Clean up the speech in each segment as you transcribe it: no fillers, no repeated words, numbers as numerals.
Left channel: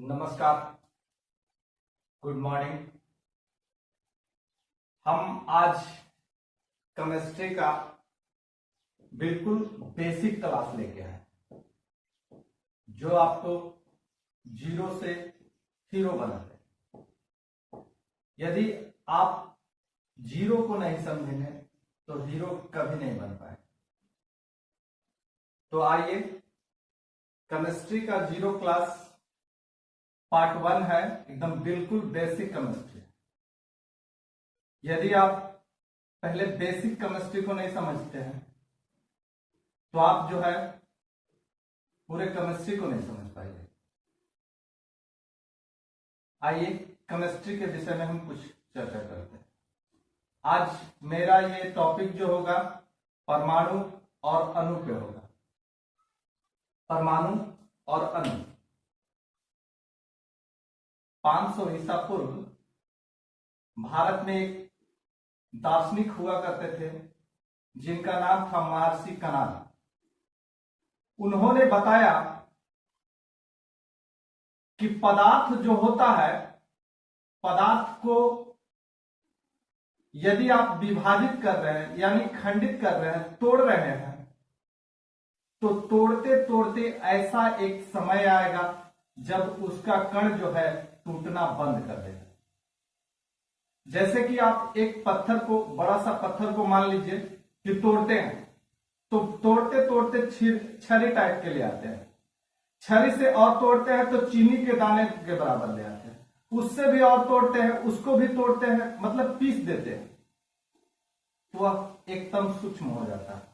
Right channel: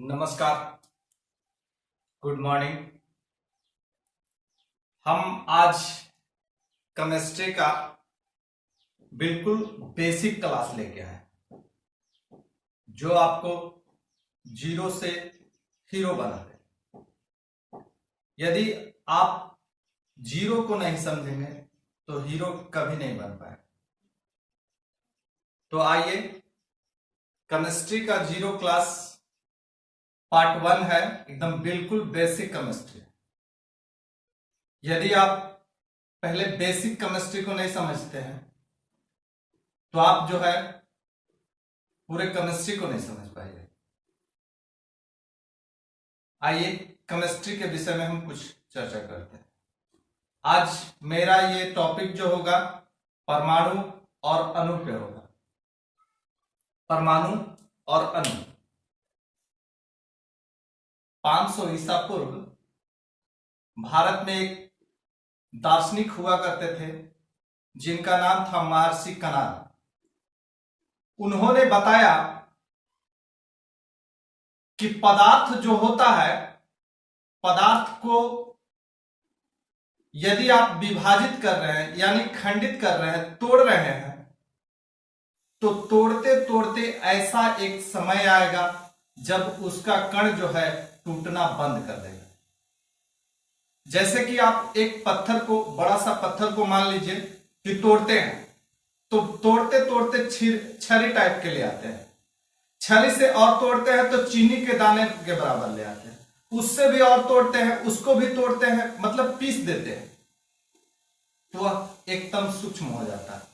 नमस्कार, good morning. हम आज केमिस्ट्री का बिल्कुल बेसिक क्लास लेके आए जो आपको जीरो से हीरो बनाते। यदि आप जीरो को नहीं समझेंगे तो हीरो कभी नहीं बन पाए। तो आइए, केमिस्ट्री का जीरो क्लास पार्ट 1 है, एकदम बिल्कुल बेसिक केमिस्ट्री। यदि आप पहले बेसिक केमिस्ट्री को नहीं समझते हैं तो आप जो है पूरे केमिस्ट्री को नहीं समझ पाएंगे। आइए केमिस्ट्री के विषय में हम कुछ चर्चा करते हैं। आज मेरा ये टॉपिक जो होगा परमाणु और अणु पे होगा। परमाणु और अणु। 500 ईसा पूर्व भारत में एक दार्शनिक हुआ करते थे जिनका नाम था महर्षि कणाद। उन्होंने बताया कि पदार्थ जो होता है, पदार्थ को यदि आप विभाजित कर रहे हैं यानी खंडित कर रहे हैं, तोड़ रहे हैं, तो तोड़ते तोड़ते ऐसा एक समय आएगा जब उसका कण जो है टूटना बंद कर देगा। जैसे कि आप एक पत्थर को, बड़ा सा पत्थर को मान लीजिए कि तोड़ते हैं, तो तोड़ते तोड़ते छरी टाइप के ले आते हैं। छरी से और तोड़ते हैं तो चीनी के दाने के बराबर ले आते हैं। उससे भी और तोड़ते हैं, उसको भी तोड़ते हैं, मतलब पीस देते हैं, तो वह एकदम सूक्ष्म हो जाता है।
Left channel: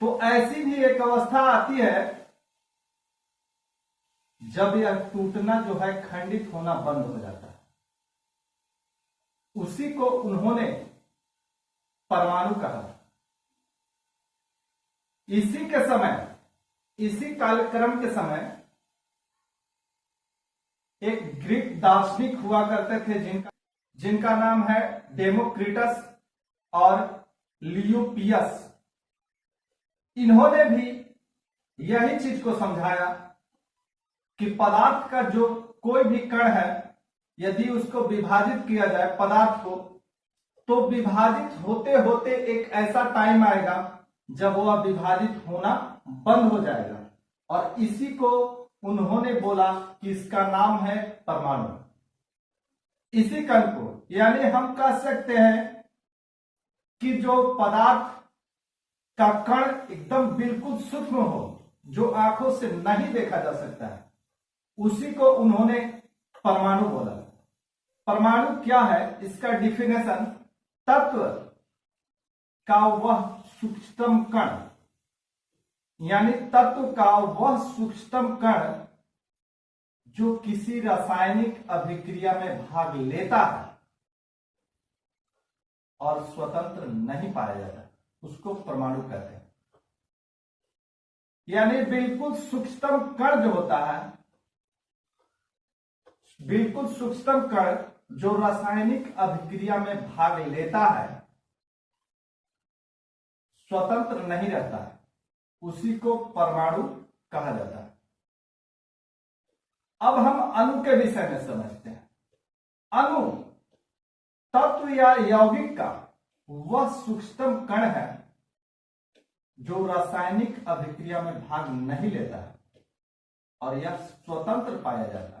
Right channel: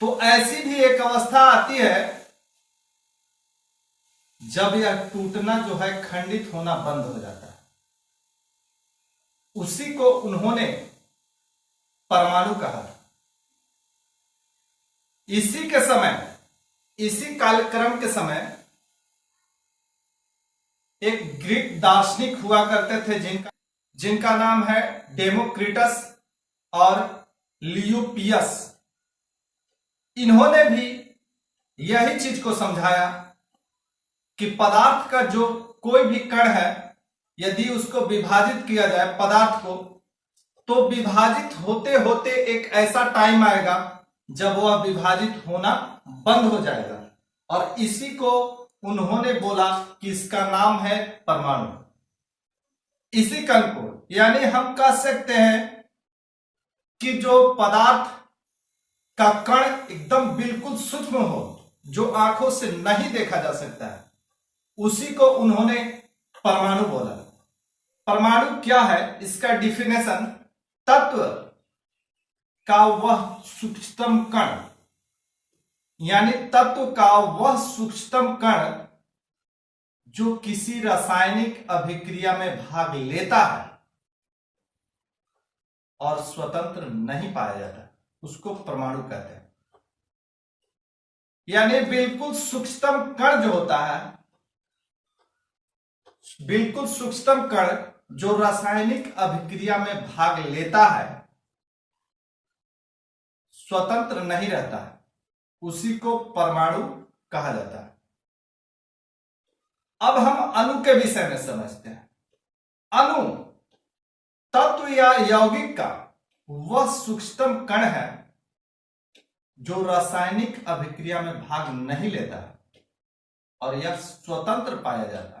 तो ऐसी भी एक अवस्था आती है जब यह टूटना जो है, खंडित होना बंद हो जाता है। उसी को उन्होंने परमाणु कहा। इसी के समय, इसी कालक्रम के समय एक ग्रीक दार्शनिक हुआ करते थे जिनका नाम है डेमोक्रिटस और लियोपियस। इन्होंने भी यही चीज को समझाया कि पदार्थ का जो कोई भी कण है, यदि उसको विभाजित किया जाए पदार्थ को, तो विभाजित होते होते एक ऐसा टाइम आएगा जब वह विभाजित होना बंद हो जाएगा। और इसी को उन्होंने बोला कि इसका नाम है परमाणु। इसी कण को, यानी हम कह सकते हैं कि जो पदार्थ का कण एकदम बिल्कुल सूक्ष्म हो, जो आंखों से नहीं देखा जा सकता है, उसी को उन्होंने परमाणु बोला। परमाणु क्या है? इसका डिफिनेशन, तत्व का वह सूक्ष्मतम कण, यानी तत्व का वह सूक्ष्मतम कण जो किसी रासायनिक अभिक्रिया में भाग लेता है और स्वतंत्र नहीं पाया जाता, उसको परमाणु कहते हैं। यानी बिल्कुल सूक्ष्मतम कण जो होता है, बिल्कुल सूक्ष्मतम कण जो रासायनिक अभिक्रिया में भाग लेता है, स्वतंत्र नहीं रहता है, उसी को परमाणु कहा जाता है। अब हम अणु के विषय में समझते हैं। अणु तत्व या यौगिक का वह सूक्ष्मतम कण है जो रासायनिक अभिक्रिया में भाग नहीं लेता है और यह स्वतंत्र पाया जाता है।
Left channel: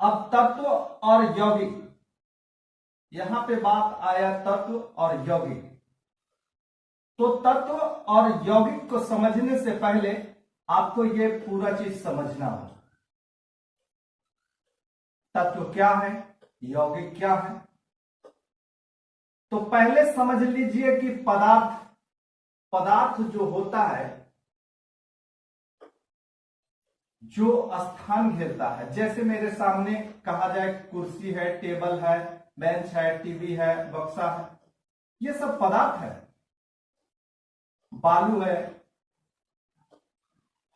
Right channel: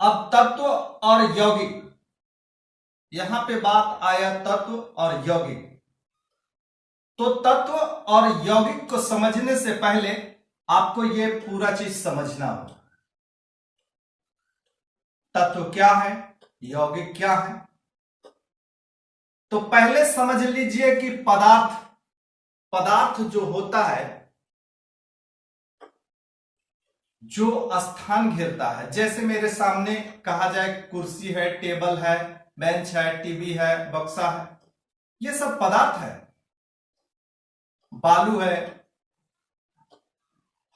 अब तत्व और यौगिक, यहां पे बात आया तत्व और यौगिक। तो तत्व और यौगिक को समझने से पहले आपको यह पूरा चीज समझना होगा। तत्व क्या है, यौगिक क्या है। तो पहले समझ लीजिए कि पदार्थ जो होता है, जो स्थान घेरता है, जैसे मेरे सामने कहा जाए कुर्सी है, टेबल है, बेंच है, टीवी है, बक्सा है, ये सब पदार्थ है। बालू है,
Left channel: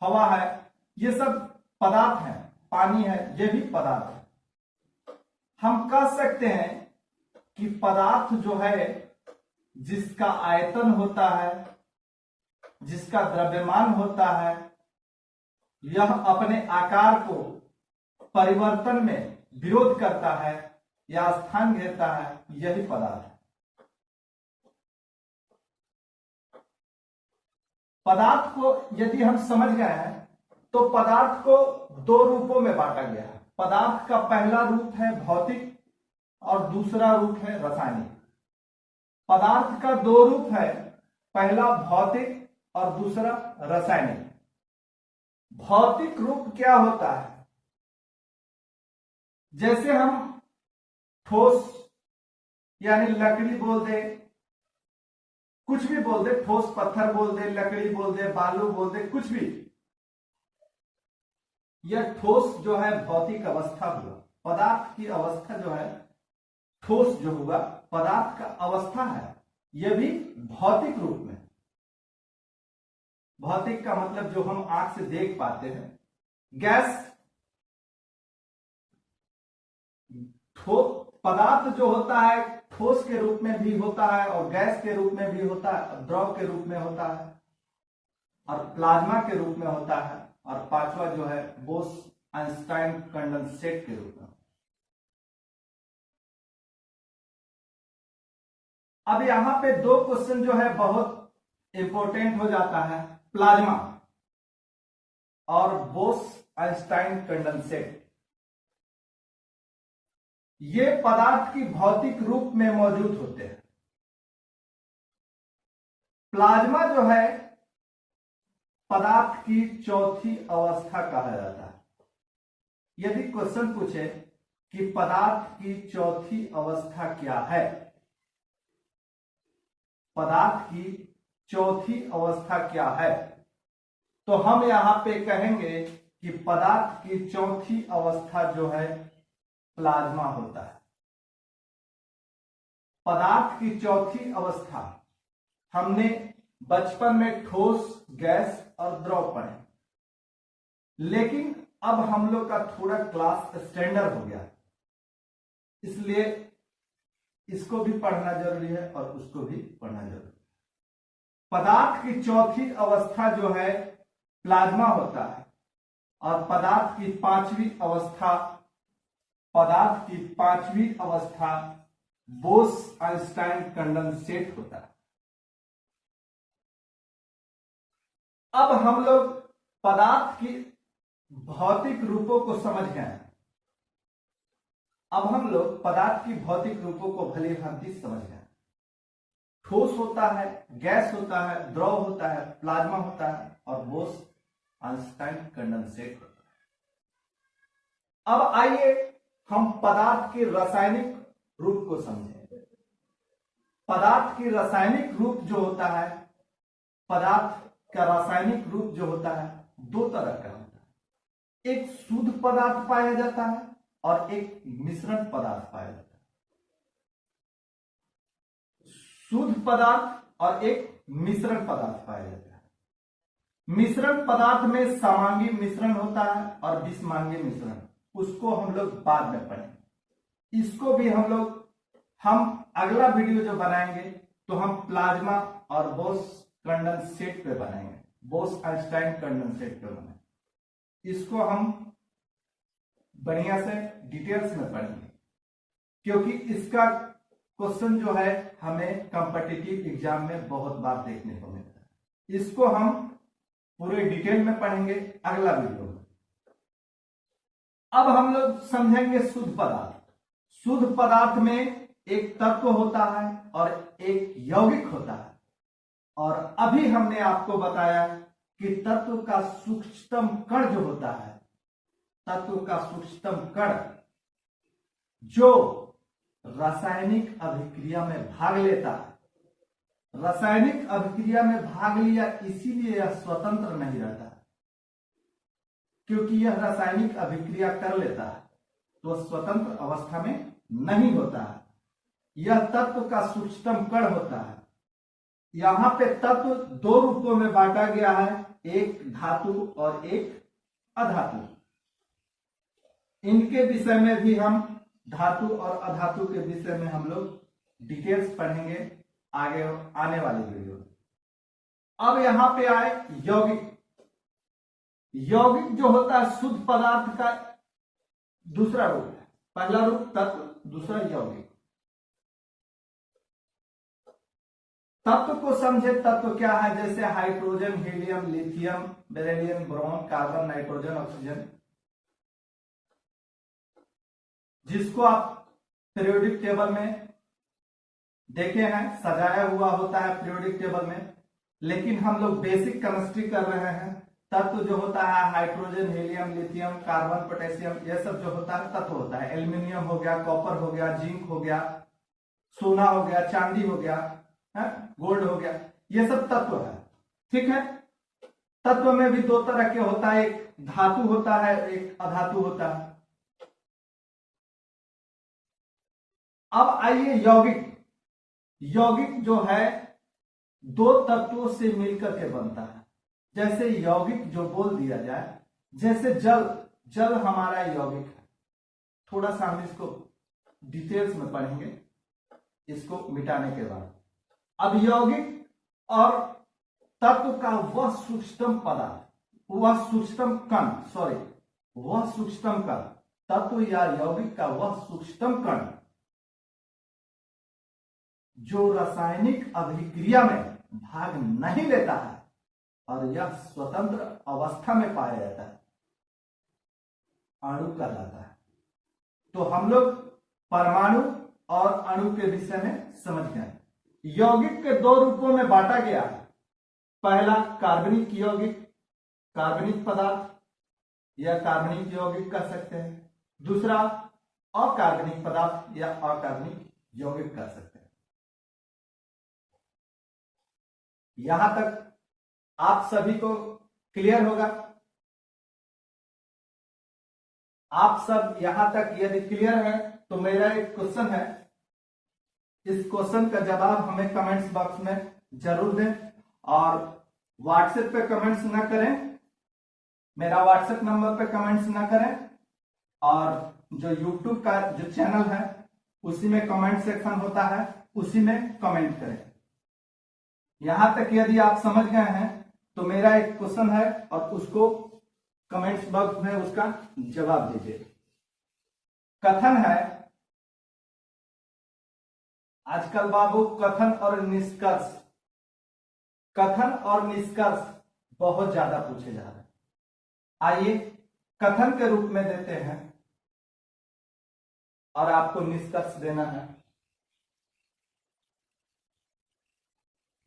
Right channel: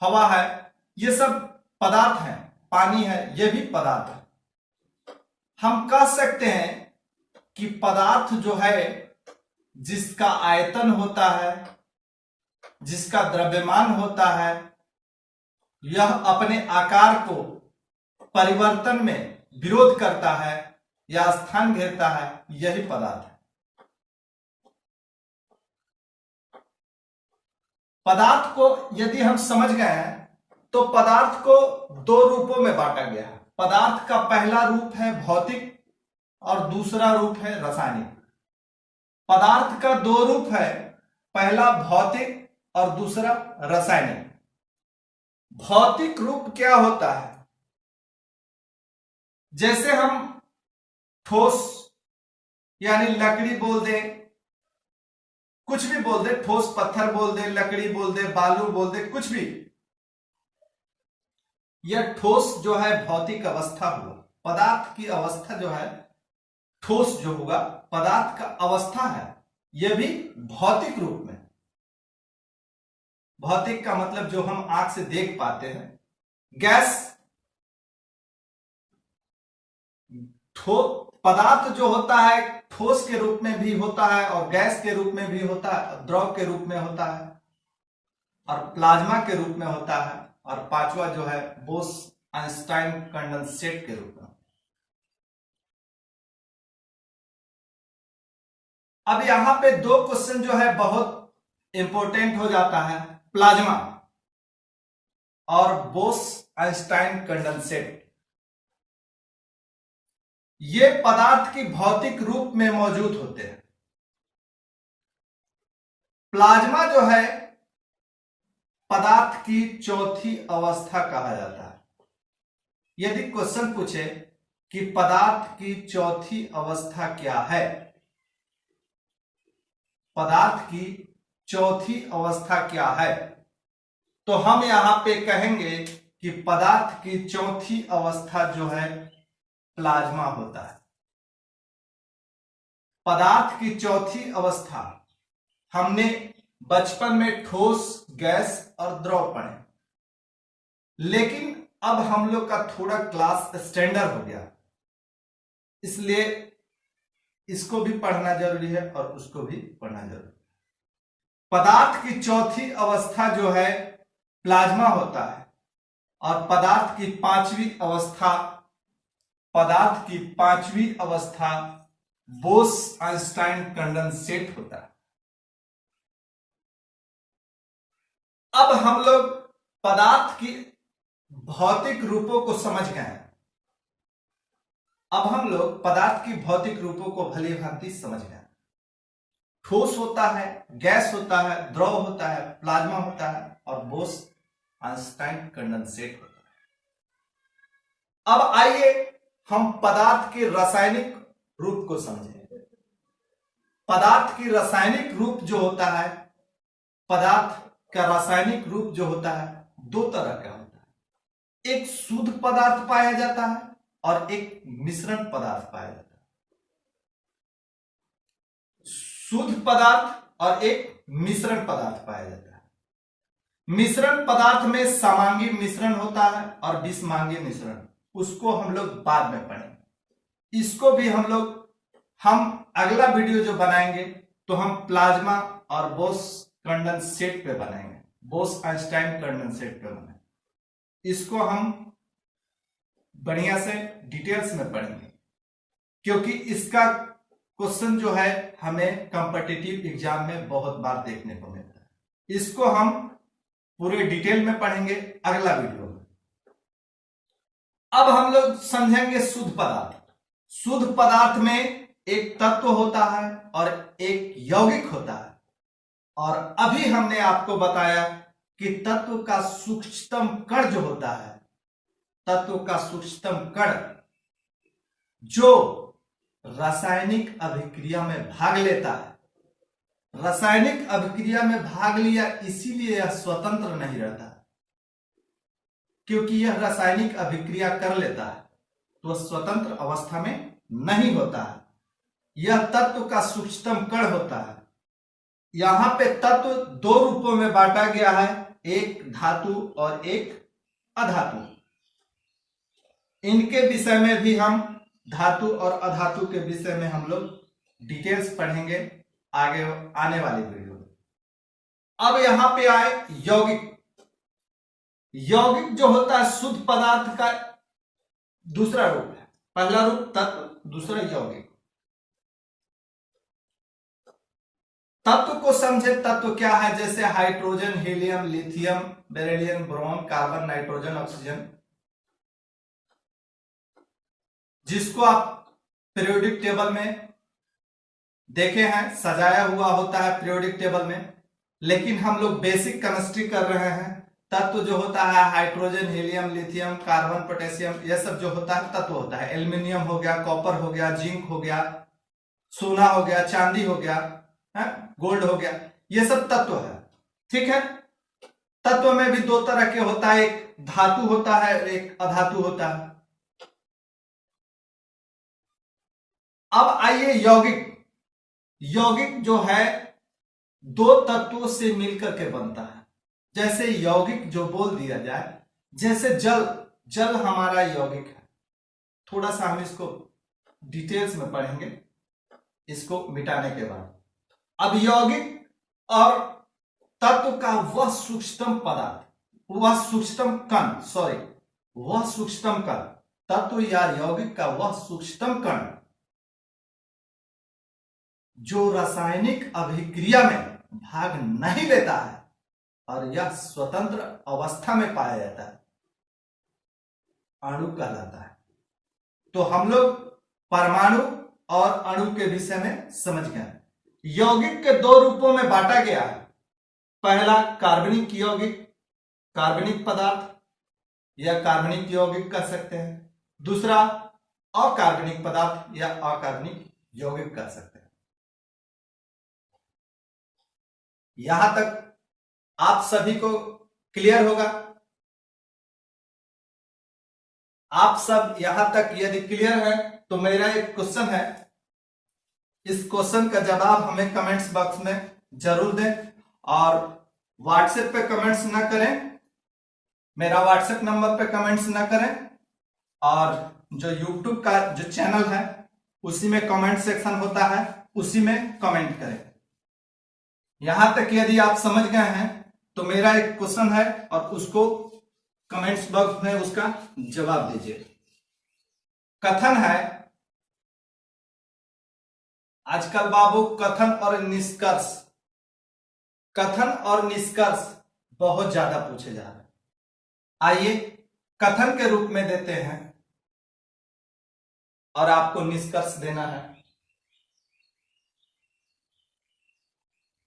हवा है, ये सब पदार्थ हैं। पानी है, ये भी पदार्थ है। हम कह सकते हैं कि पदार्थ जो है, जिसका आयतन होता है, जिसका द्रव्यमान होता है, यह अपने आकार को परिवर्तन में विरोध करता है या स्थान घेरता है, यही पदार्थ है। पदार्थ को यदि हम समझ गए हैं तो पदार्थ को दो रूपों में बांटा गया है। पदार्थ का पहला रूप है भौतिक और दूसरा रूप है रासायनिक। पदार्थ का दो रूप है, पहला भौतिक और दूसरा रासायनिक। भौतिक रूप क्या होता है? जैसे हम ठोस यानी लकड़ी बोल दे, कुछ भी बोल दे, ठोस पत्थर बोल दे, लकड़ी बोल दे, बालू बोल दे, कुछ भी, यह ठोस जो है भौतिक अवस्था हुआ। पदार्थ की अवस्था जो है, ठोस जो होगा पदार्थ का अवस्था है, यह भी भौतिक रूप में। भौतिक का मतलब जो हम आंख से देख पाते हैं। गैस पदार्थ जो होता है ठोस के रूप में भी होता है और गैस के रूप में भी होता है, द्रव के रूप में होता है और प्लाज्मा के रूप में होता है, और पांचवा जो है बोस-आइंस्टाइन कंडेंसेट के रूप में। अब यहां पे दो क्वेश्चन जो है बहुत इंपॉर्टेंट हो जाता है, प्लाज्मा और बोस-आइंस्टाइन कंडेंसेट। ये पदार्थ की भौतिक रूप में मौजूद होते हैं। प्लाज्मा जो है पदार्थ की चौथी अवस्था कहा जाता है। यदि क्वेश्चन पूछे कि पदार्थ की चौथी अवस्था क्या है, पदार्थ की चौथी अवस्था क्या है, तो हम यहां पे कहेंगे कि पदार्थ की चौथी अवस्था जो है प्लाज्मा होता है। पदार्थ की चौथी अवस्था हमने बचपन में ठोस, गैस और द्रव पढ़े, लेकिन अब हम लोग का थोड़ा क्लास स्टैंडर्ड हो गया, इसलिए इसको भी पढ़ना जरूरी है और उसको भी पढ़ना जरूरी है। पदार्थ की चौथी अवस्था जो है प्लाज्मा होता है और पदार्थ की पांचवी अवस्था बोस-आइंस्टाइन कंडेंसेट होता है। अब हम लोग पदार्थ की भौतिक रूपों को समझ गए हैं। अब हम लोग पदार्थ की भौतिक रूपों को भली भांति समझ गए। ठोस होता है, गैस होता है, द्रव होता है, प्लाज्मा होता है और बोस-आइंस्टाइन कंडेंसेट होता है। अब आइए हम पदार्थ के रासायनिक रूप को समझें। पदार्थ की रासायनिक रूप जो होता है, पदार्थ का रासायनिक रूप जो होता है दो तरह का होता है। एक शुद्ध पदार्थ पाया जाता है और एक मिश्रण पदार्थ पाया जाता है। शुद्ध पदार्थ और एक मिश्रण पदार्थ पाया जाता है। मिश्रण पदार्थ में समांगी मिश्रण होता है और विषमांगी मिश्रण, उसको हम लोग बाद में पढ़ेंगे। इसको भी हम अगला वीडियो जो बनाएंगे तो हम प्लाज्मा और बोस कंडेंसेट पे बनाएंगे, बोस-आइंस्टाइन कंडेंसेट पे बनाएंगे। इसको हम बढ़िया से डिटेल्स में पढ़ेंगे, क्योंकि इसका क्वेश्चन जो है हमें कॉम्पिटिटिव एग्जाम में बहुत बार देखने को मिलता है। इसको हम पूरे डिटेल में पढ़ेंगे अगला वीडियो में। अब हम लोग समझेंगे शुद्ध पदार्थ। शुद्ध पदार्थ में एक तत्व होता है और एक यौगिक होता है, और अभी हमने आपको बताया कि तत्व का सूक्ष्मतम कण जो होता है, तत्व का सूक्ष्मतम कण जो रासायनिक अभिक्रिया में भाग लेता है। रासायनिक अभिक्रिया में भाग लिया इसीलिए यह स्वतंत्र नहीं रहता, क्योंकि यह रासायनिक अभिक्रिया कर लेता है तो स्वतंत्र अवस्था में नहीं होता है। यह तत्व का सूक्ष्मतम कण होता है। यहां पे तत्व दो रूपों में बांटा गया है, एक धातु और एक अधातु। इनके विषय में भी हम, धातु और अधातु के विषय में हम लोग डिटेल्स पढ़ेंगे आगे आने वाली वीडियो में। अब यहां पे आए यौगिक। यौगिक जो होता है शुद्ध पदार्थ का दूसरा रूप है। पहला रूप तत्व, दूसरा यौगिक। तत्व को समझे, तत्व क्या है? जैसे hydrogen, helium, lithium, beryllium, boron, carbon, nitrogen, oxygen, जिसको आप पीरियोडिक टेबल में देखे हैं, सजाया हुआ होता है पीरियोडिक टेबल में। लेकिन हम लोग बेसिक केमिस्ट्री कर रहे हैं। तत्व जो होता है hydrogen, helium, lithium, carbon, potassium, यह सब जो होता है तत्व होता है। एल्यूमिनियम हो गया, कॉपर हो गया, जिंक हो गया, सोना हो गया, चांदी हो गया, गोल्ड हो गया, ये सब तत्व है। ठीक है। तत्व में भी दो तरह के होता है, एक धातु होता है, एक अधातु होता है। अब आइए यौगिक। यौगिक जो है दो तत्वों से मिलकर के बनता है। जैसे यौगिक जो बोल दिया जाए, जैसे जल, जल हमारा यौगिक है। थोड़ा सा हम इसको डिटेल्स में पढ़ेंगे इसको मिटाने के बाद। अब यौगिक और तत्व का वह सूक्ष्मतम पदार्थ, वह सूक्ष्मतम कण, सॉरी, वह सूक्ष्मतम कण, तत्व या यौगिक का वह सूक्ष्मतम कण जो रासायनिक अभिक्रिया में भाग नहीं लेता है और यह स्वतंत्र अवस्था में पाया जाता है, अणु कहलाता है। तो हम लोग परमाणु और अणु के विषय में समझ गए। यौगिक के दो रूपों में बांटा गया है। पहला कार्बनिक यौगिक, कार्बनिक पदार्थ या कार्बनिक यौगिक कह सकते हैं। दूसरा अकार्बनिक पदार्थ या अकार्बनिक यौगिक कह सकते हैं। यहां तक आप सभी को क्लियर होगा? आप सब यहां तक यदि क्लियर है तो मेरा एक क्वेश्चन है, इस क्वेश्चन का जवाब हमें कमेंट्स बॉक्स में जरूर दें। और व्हाट्सएप पे कमेंट्स ना करें, मेरा व्हाट्सएप नंबर पे कमेंट्स ना करें, और जो यूट्यूब का जो चैनल है उसी में कमेंट सेक्शन होता है, उसी में कमेंट करें। यहां तक यदि आप समझ गए हैं तो मेरा एक क्वेश्चन है और उसको कमेंट्स बॉक्स में उसका जवाब दीजिए। कथन है आजकल बाबू, कथन और निष्कर्ष, कथन और निष्कर्ष बहुत ज्यादा पूछे जा रहे हैं। आइए कथन के रूप में देते हैं और आपको निष्कर्ष देना है।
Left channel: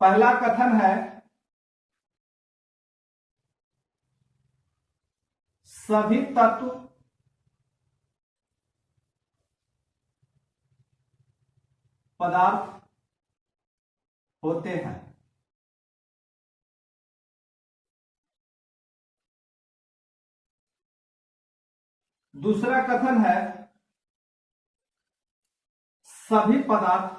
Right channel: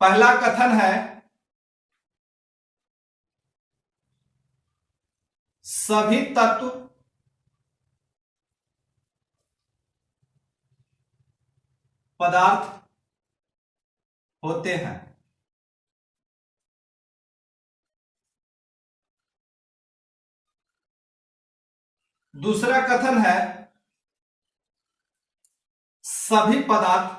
पहला कथन है सभी तत्व पदार्थ होते हैं। दूसरा कथन है सभी पदार्थ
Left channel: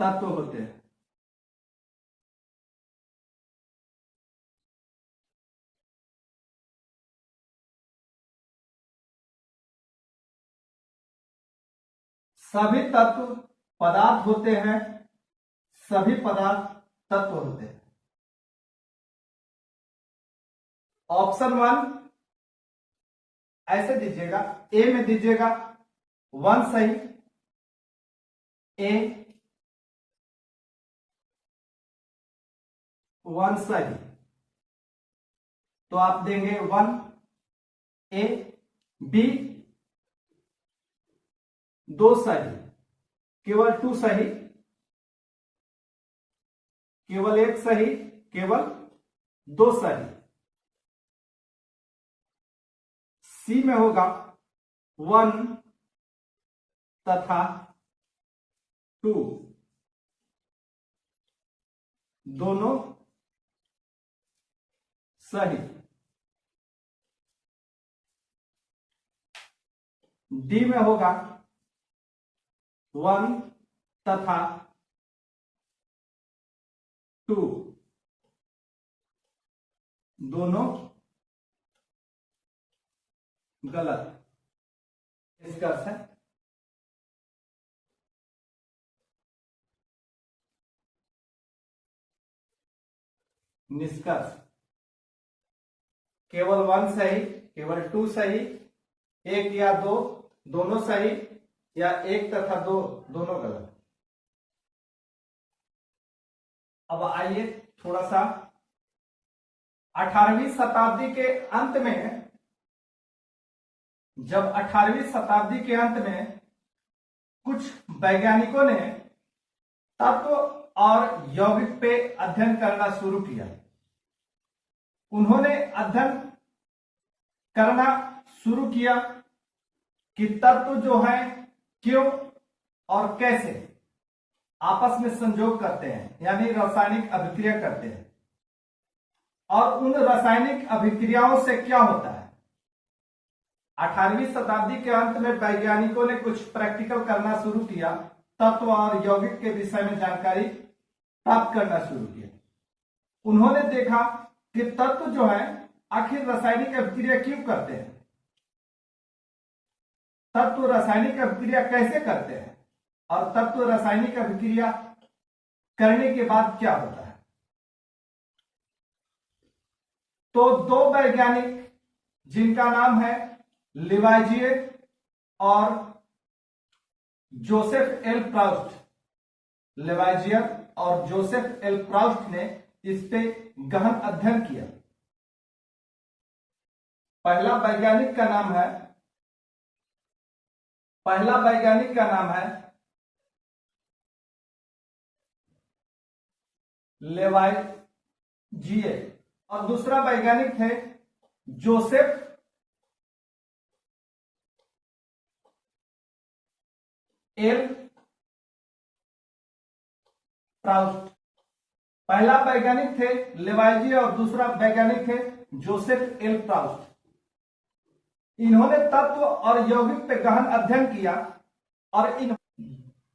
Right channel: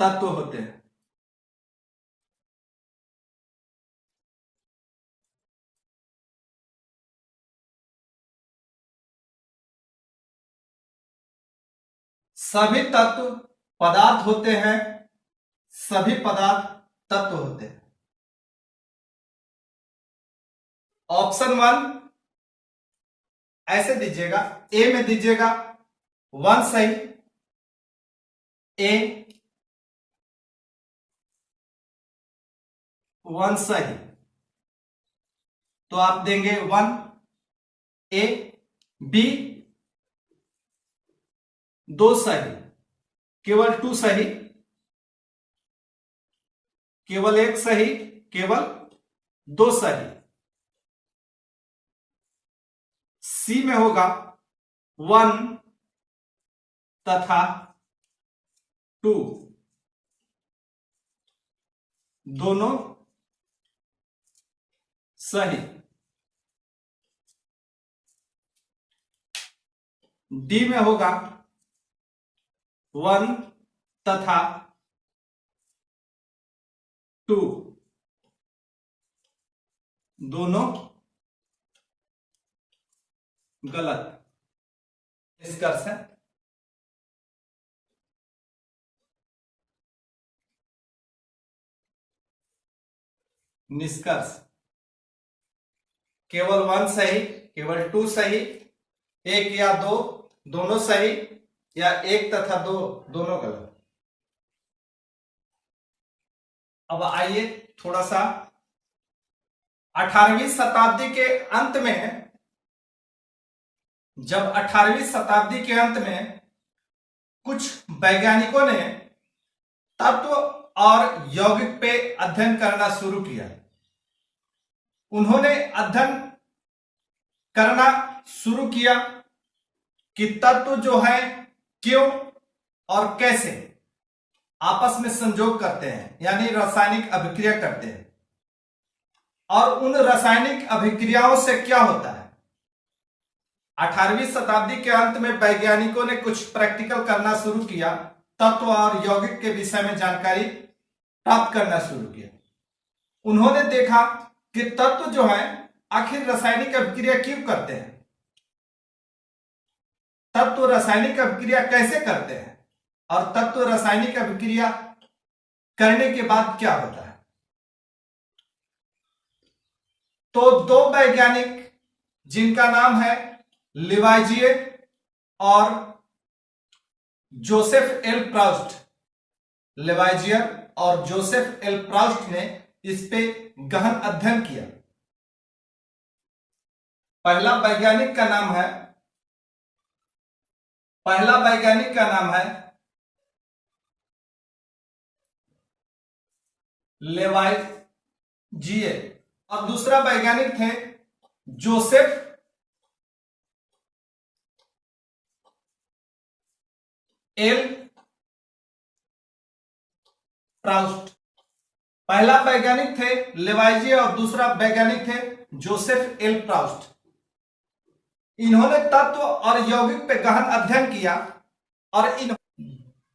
तत्व होते हैं। सभी तत्व पदार्थ होते हैं, सभी पदार्थ तत्व होते हैं। ऑप्शन 1 ऐसे दीजिएगा, ए में दीजिएगा 1 सही, ए 1 सही, तो आप देंगे 1 ए। बी 2 सही, केवल 2 सही, केवल 1 सही, केवल 2 सही। सी में होगा 1 तथा 2, दोनों सही। डी में होगा 1 तथा 2, दोनों गलत। निष्कर्ष है निष्कर्ष केवल 1 सही, केवल 2 सही, 1 या 2 दोनों सही, या 1 तथा 2 दोनों गलत। अब आइए थोड़ा सा 18वीं शताब्दी के अंत में, जब 18वीं शताब्दी के अंत में कुछ वैज्ञानिकों ने तत्व और यौगिक पे अध्ययन करना शुरू किया। उन्होंने अध्ययन करना शुरू किया कि तत्व जो है क्यों और कैसे आपस में संयोग करते हैं, यानी रासायनिक अभिक्रिया करते हैं, और उन रासायनिक अभिक्रियाओं से क्या होता है। 18वीं शताब्दी के अंत में वैज्ञानिकों ने कुछ प्रैक्टिकल करना शुरू किया, तत्व और यौगिक के विषय में जानकारी प्राप्त करना शुरू किया। उन्होंने देखा कि तत्व जो है आखिर रासायनिक अभिक्रिया क्यों करते हैं, तत्व रासायनिक अभिक्रिया कैसे करते हैं, और तत्व रासायनिक अभिक्रिया करने के बाद क्या होता है। तो 2 वैज्ञानिक जिनका नाम है लिवाइजिए और जोसेफ एल प्राउस्ट, लिवाइजियर और जोसेफ एल प्राउस्ट ने इस पे गहन अध्ययन किया। पहला वैज्ञानिक का नाम है लेवाइजिए और दूसरा वैज्ञानिक थे जोसेफ एल प्राउस्ट। पहला वैज्ञानिक थे लेवाइजिए और दूसरा वैज्ञानिक थे जोसेफ एल प्राउस्ट। इन्होंने तत्व और यौगिक पे गहन अध्ययन किया और इन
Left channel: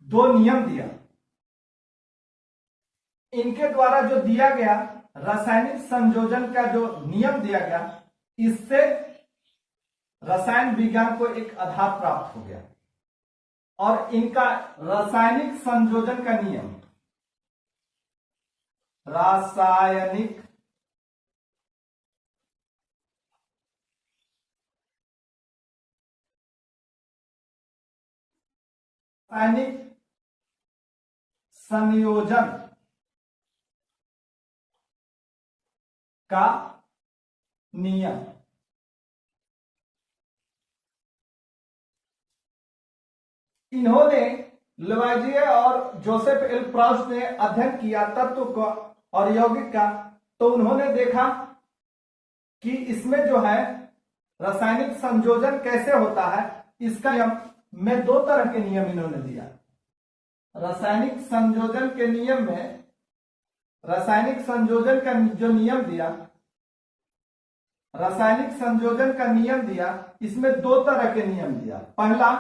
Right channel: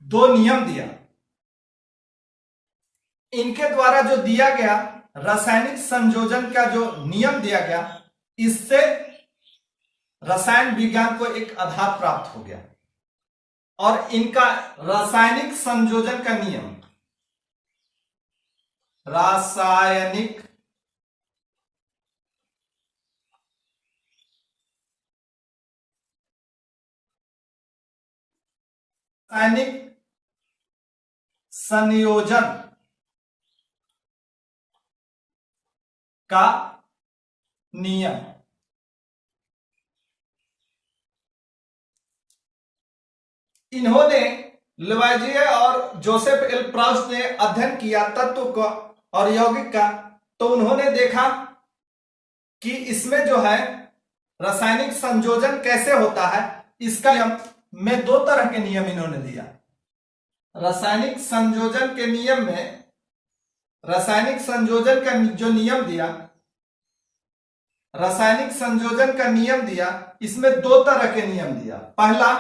2 नियम दिया। इनके द्वारा जो दिया गया रासायनिक संयोजन का जो नियम दिया गया, इससे रसायन विज्ञान को एक आधार प्राप्त हो गया। और इनका रासायनिक संयोजन का नियम, रासायनिक संयोजन का नियम, इन्होंने लिवाइजिए और जोसेफ एल प्राउस्ट ने अध्ययन किया तत्व का और यौगिक का। तो उन्होंने देखा कि इसमें जो है रासायनिक संयोजन कैसे होता है, इसका नियम में 2 तरह के नियम इन्होंने दिया। रासायनिक संयोजन के नियम में, रासायनिक संयोजन का जो नियम दिया, रासायनिक संयोजन का नियम दिया, इसमें 2 तरह के नियम दिया। पहला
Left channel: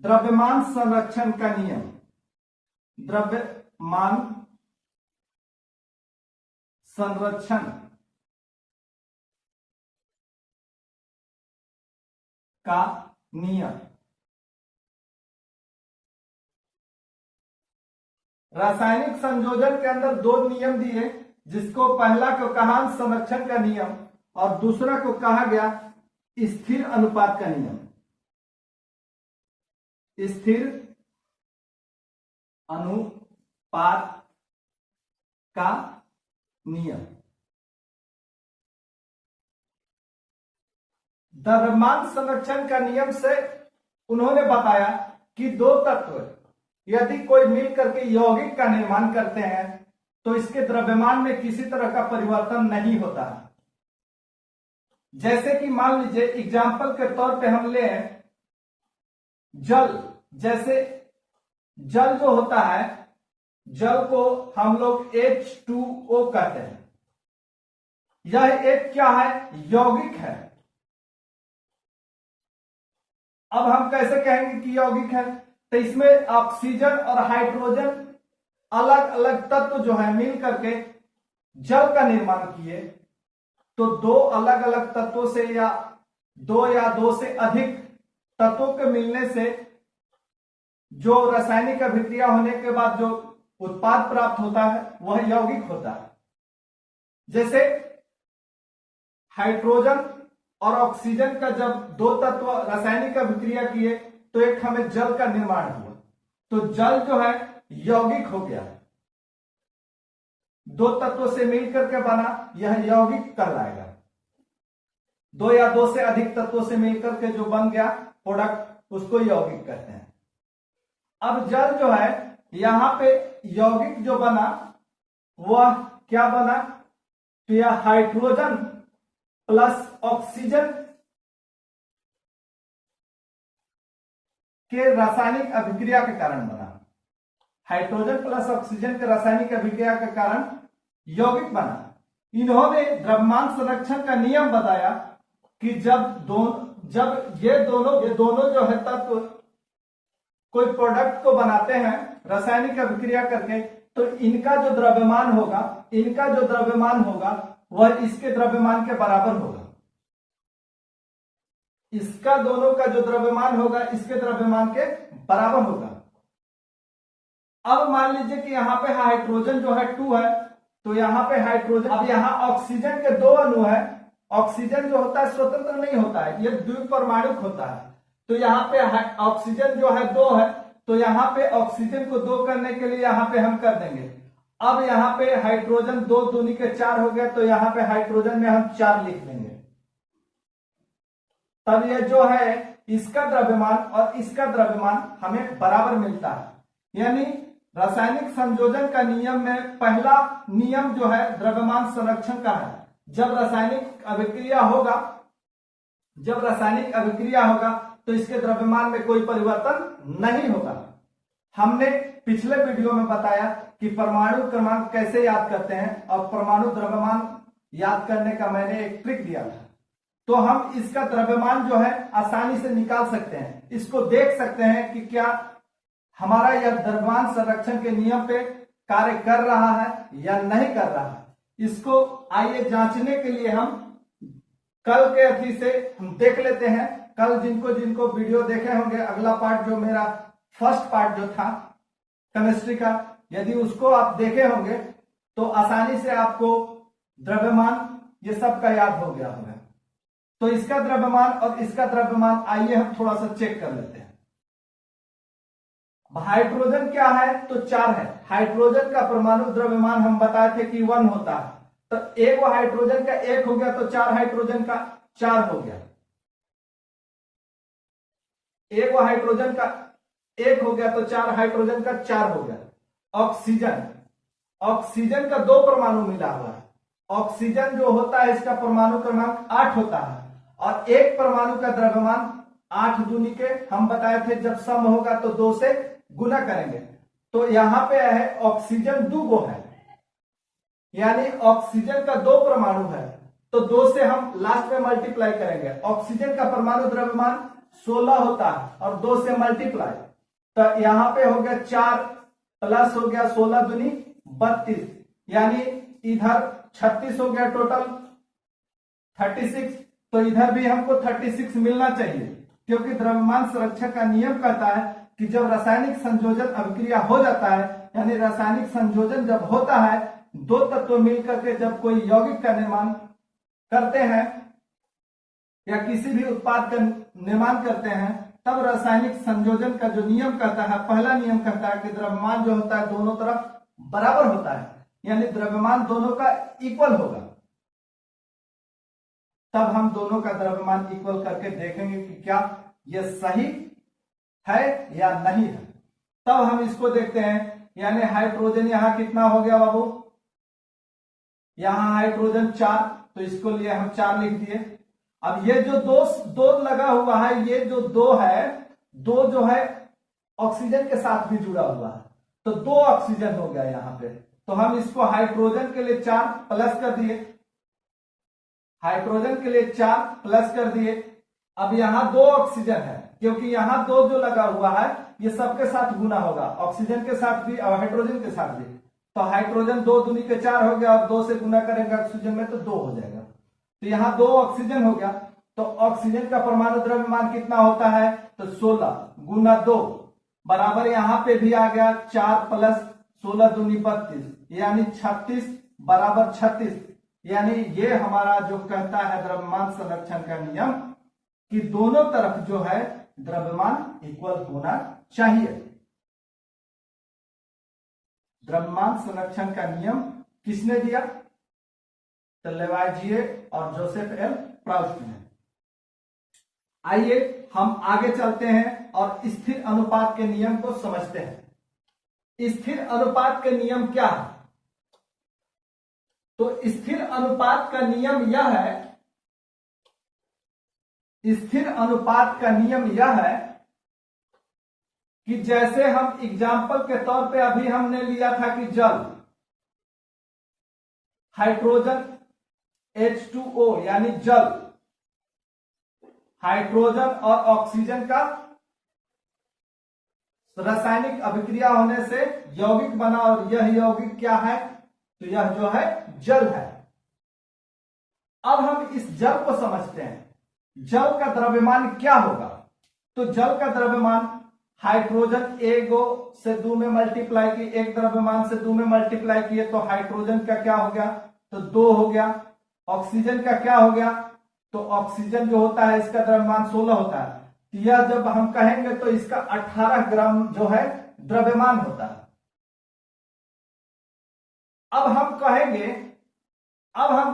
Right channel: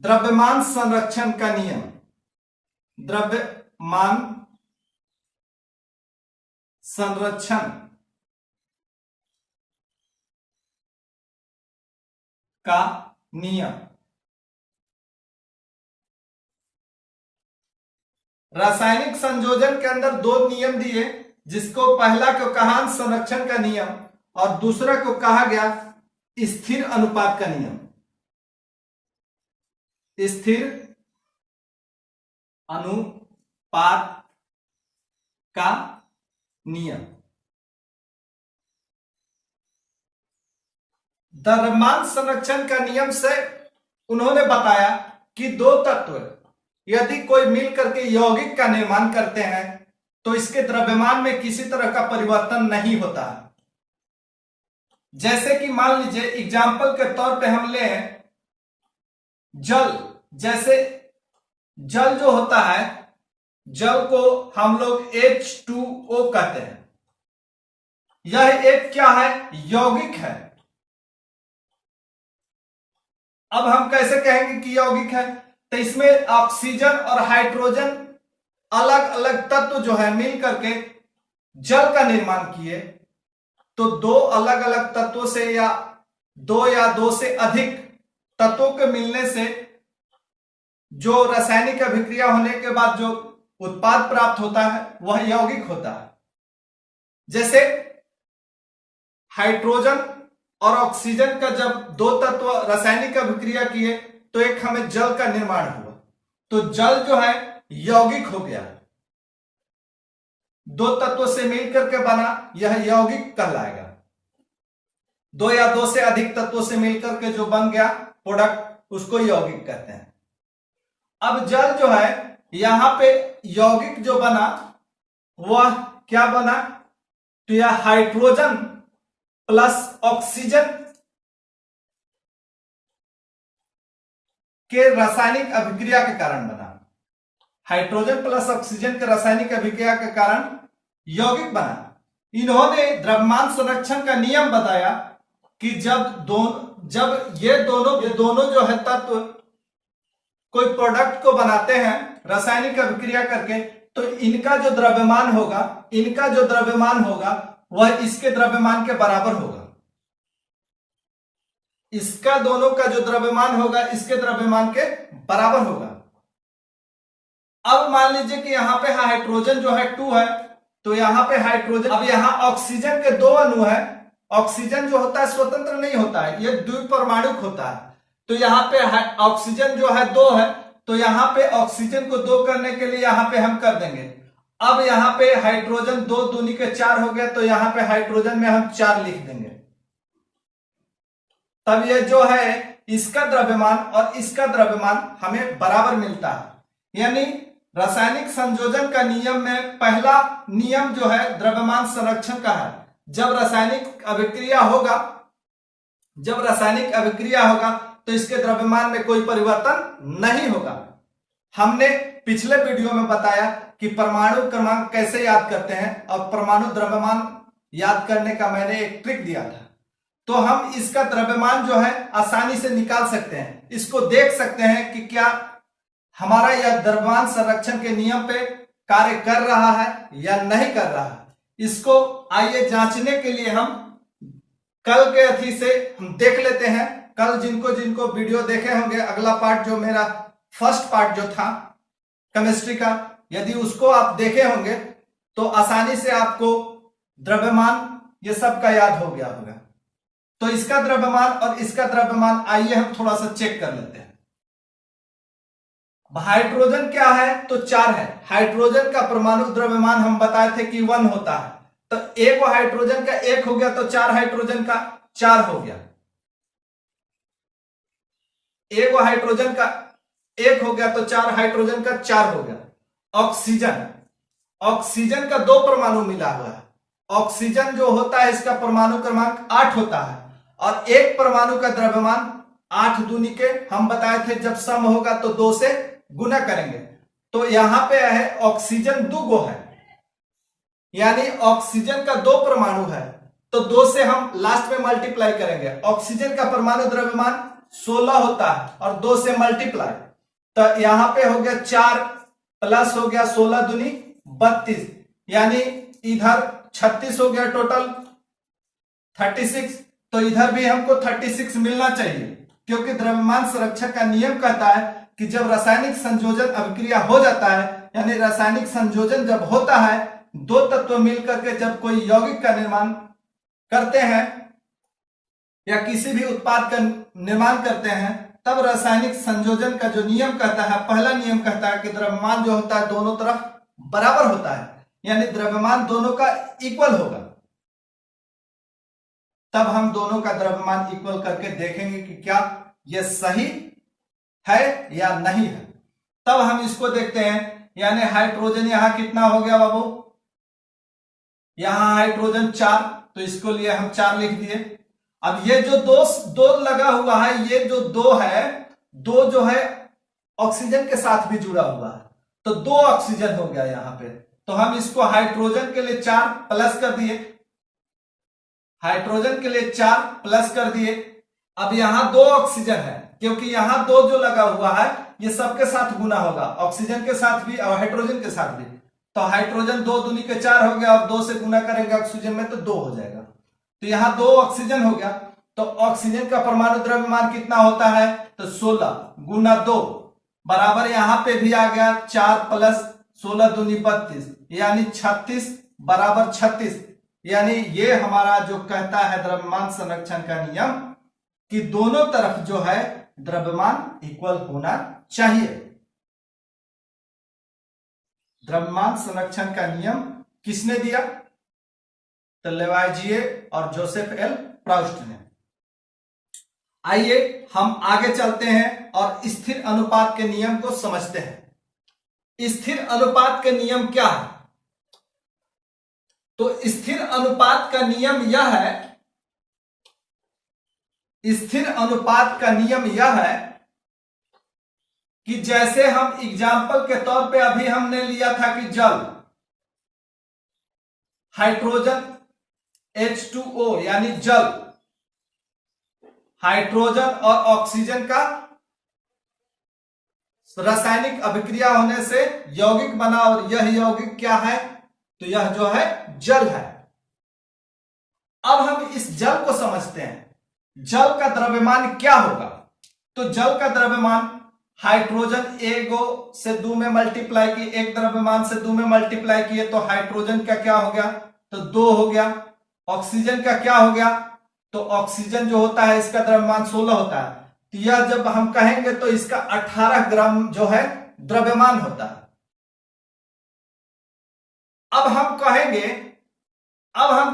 द्रव्यमान संरक्षण का नियम, द्रव्यमान संरक्षण का नियम। रासायनिक संयोजन के अंदर 2 नियम दिए, जिसको पहला को कहा संरक्षण का नियम और दूसरा को कहा गया स्थिर अनुपात का नियम। स्थिर अनुपात का नियम। द्रव्यमान संरक्षण का नियम से उन्होंने बताया कि 2 तत्व यदि कोई मिल करके यौगिक का निर्माण करते हैं तो इसके द्रव्यमान में किसी तरह का परिवर्तन नहीं होता है। जैसे कि मान लीजिए एग्जाम्पल के तौर पे हम लें जल, जैसे जल जो होता है, जल को हम लोग H2O कहते हैं। यह एक क्या है, यौगिक है। अब हम कैसे कहेंगे कि यौगिक है, तो इसमें ऑक्सीजन और हाइड्रोजन अलग अलग तत्व जो है मिल करके जल का निर्माण किए। तो 2 अलग अलग तत्वों से या 2 से अधिक तत्वों के मिलने से जो रासायनिक अभिक्रिया होने के बाद जो उत्पाद प्राप्त होता है वह यौगिक होता है। जैसे हाइड्रोजन और ऑक्सीजन का जब दो तत्व रासायनिक अभिक्रिया किए तो एक हमें जल का निर्माण हुआ। तो जल जो है यौगिक हो गया, दो तत्वों से मिलकर के बना, यह यौगिक कहलाएगा। दो या दो से अधिक तत्वों से मिलकर के जो बन गया प्रोडक्ट, उसको यौगिक कहते हैं। अब जल जो है यहां पे यौगिक जो बना वह क्या बना, तो यह हाइड्रोजन प्लस ऑक्सीजन के रासायनिक अभिक्रिया के कारण बना। हाइड्रोजन प्लस ऑक्सीजन के रासायनिक अभिक्रिया के कारण यौगिक बना। इन्होंने द्रव्यमान संरक्षण का नियम बताया कि जब ये दोनों जो है तत्व कोई प्रोडक्ट को बनाते हैं रासायनिक अभिक्रिया करके, तो इनका जो द्रव्यमान होगा वह इसके द्रव्यमान के बराबर होगा। इसका दोनों का जो द्रव्यमान होगा इसके द्रव्यमान के बराबर होगा। अब मान लीजिए कि यहां पे हाइड्रोजन जो है 2 है, तो यहां पे हाइड्रोजन, अब यहां ऑक्सीजन के 2 अणु है। ऑक्सीजन जो होता है स्वतंत्र नहीं होता है, ये द्विपरमाणुक होता है। तो यहाँ पे ऑक्सीजन जो है 2 है, तो यहाँ पे ऑक्सीजन को 2 करने के लिए यहाँ पे हम कर देंगे। अब यहाँ पे हाइड्रोजन 2 दूनी के 4 हो गया, तो यहाँ पे हाइड्रोजन में हम 4 लिख देंगे। तब ये जो है इसका द्रव्यमान और इसका द्रव्यमान हमें बराबर मिलता है। यानी रासायनिक संयोजन का नियम में पहला नियम जो है द्रव्यमान संरक्षण का है। जब रासायनिक अभिक्रिया होगा तो इसके द्रव्यमान में कोई परिवर्तन नहीं होगा। हमने पिछले वीडियो में बताया कि परमाणु क्रमांक कैसे याद करते हैं और परमाणु द्रव्यमान याद करने का मैंने एक ट्रिक दिया था। तो हम इसका द्रव्यमान जो है आसानी से निकाल सकते हैं। इसको देख सकते हैं कि क्या हमारा यह द्रव्यमान संरक्षण के नियम पे कार्य कर रहा है या नहीं कर रहा है। इसको आइए जांचने के लिए हम कल के अथी से हम देख लेते हैं। कल जिनको वीडियो देखे होंगे, अगला पार्ट जो मेरा फर्स्ट पार्ट जो था केमिस्ट्री का, यदि उसको आप देखे होंगे तो आसानी से आपको द्रव्यमान ये सब का याद हो गया होगा। तो इसका द्रव्यमान और इसका द्रव्यमान आइए हम थोड़ा सा चेक कर लेते हैं। हाइड्रोजन क्या है, तो 4 है। हाइड्रोजन का परमाणु द्रव्यमान हम बताए थे कि 1 होता है। तो एक हाइड्रोजन का 1 हो गया तो 4 हाइड्रोजन का 4 हो गया। एक हाइड्रोजन का 1 हो गया तो 4 हाइड्रोजन का 4 हो गया। ऑक्सीजन का 2 परमाणु मिला हुआ है। ऑक्सीजन जो होता है इसका परमाणु क्रमांक 8 होता है और एक परमाणु का द्रव्यमान 8 दूनी के हम बताए थे जब सम होगा तो 2 से गुना करेंगे। तो यहां पे है ऑक्सीजन 2 गो है, यानी ऑक्सीजन का 2 परमाणु है तो 2 से हम लास्ट में मल्टीप्लाई करेंगे। ऑक्सीजन का परमाणु द्रव्यमान 16 होता है और 2 से मल्टीप्लाई, तो यहां पे हो गया 4 प्लस हो गया 16 दूनी 32, यानी इधर 36 हो गया, टोटल 36। तो इधर भी हमको 36 मिलना चाहिए, क्योंकि द्रव्यमान संरक्षण का नियम कहता है कि जब रासायनिक संयोजन अभिक्रिया हो जाता है, यानी रासायनिक संयोजन जब होता है, 2 तत्व मिलकर के जब कोई यौगिक का निर्माण करते हैं या किसी भी उत्पाद का निर्माण करते हैं, तब रासायनिक संयोजन का जो नियम कहता है, पहला नियम कहता है कि द्रव्यमान जो होता है दोनों तरफ बराबर होता है, यानी द्रव्यमान दोनों का इक्वल होगा। तब हम दोनों का द्रव्यमान इक्वल करके देखेंगे कि क्या यह सही है या नहीं है। तब हम इसको देखते हैं, यानी हाइड्रोजन यहां कितना हो गया बाबू, यहां हाइड्रोजन 4, तो इसको लिए हम 4 लिख दिए। अब ये जो दो लगा हुआ है, ये जो 2 है, 2 जो है ऑक्सीजन के साथ भी जुड़ा हुआ है, तो 2 ऑक्सीजन हो गया यहां पे। तो हम इसको हाइड्रोजन के लिए 4 प्लस कर दिए, हाइड्रोजन के लिए 4 प्लस कर दिए। अब यहां 2 ऑक्सीजन है, क्योंकि यहां 2 जो लगा हुआ है ये सबके साथ गुना होगा, ऑक्सीजन के साथ भी और हाइड्रोजन के साथ भी। तो हाइड्रोजन 2 दूनी के 4 हो गया और 2 से गुना करेंगे ऑक्सीजन में तो 2 हो जाएगा। तो यहां 2 ऑक्सीजन हो गया। तो ऑक्सीजन का परमाणु द्रव्यमान कितना होता है, तो 16 गुना 2 बराबर यहां पे भी आ गया 4 प्लस 16 दूनी 32, यानी 36 बराबर 36। यानी ये हमारा जो कहता है द्रव्यमान संरक्षण का नियम कि दोनों तरफ जो है द्रव्यमान इक्वल होना चाहिए। द्रव्यमान संरक्षण का नियम किसने दिया? तो लेवाइजिए और जोसेफ एल प्राउस्ट ने। आइए हम आगे चलते हैं और स्थिर अनुपात के नियम को समझते हैं। स्थिर अनुपात के नियम क्या है? तो स्थिर अनुपात का नियम यह है, स्थिर अनुपात का नियम यह है कि जैसे हम एग्जाम्पल के तौर पे अभी हमने लिया था कि जल, हाइड्रोजन H2O यानी जल, हाइड्रोजन और ऑक्सीजन का रासायनिक अभिक्रिया होने से यौगिक बना और यह यौगिक क्या है? तो यह जो है जल है। अब हम इस जल को समझते हैं। जल का द्रव्यमान क्या होगा? तो जल का द्रव्यमान हाइड्रोजन एक से 2 में मल्टीप्लाई किए, एक द्रव्यमान से 2 में मल्टीप्लाई किए तो हाइड्रोजन का क्या हो गया? तो 2 हो गया। ऑक्सीजन का क्या हो गया? तो ऑक्सीजन जो होता है इसका द्रव्यमान 16 होता है। तो यह जब हम कहेंगे तो इसका 18 ग्राम जो है द्रव्यमान होता है। अब हम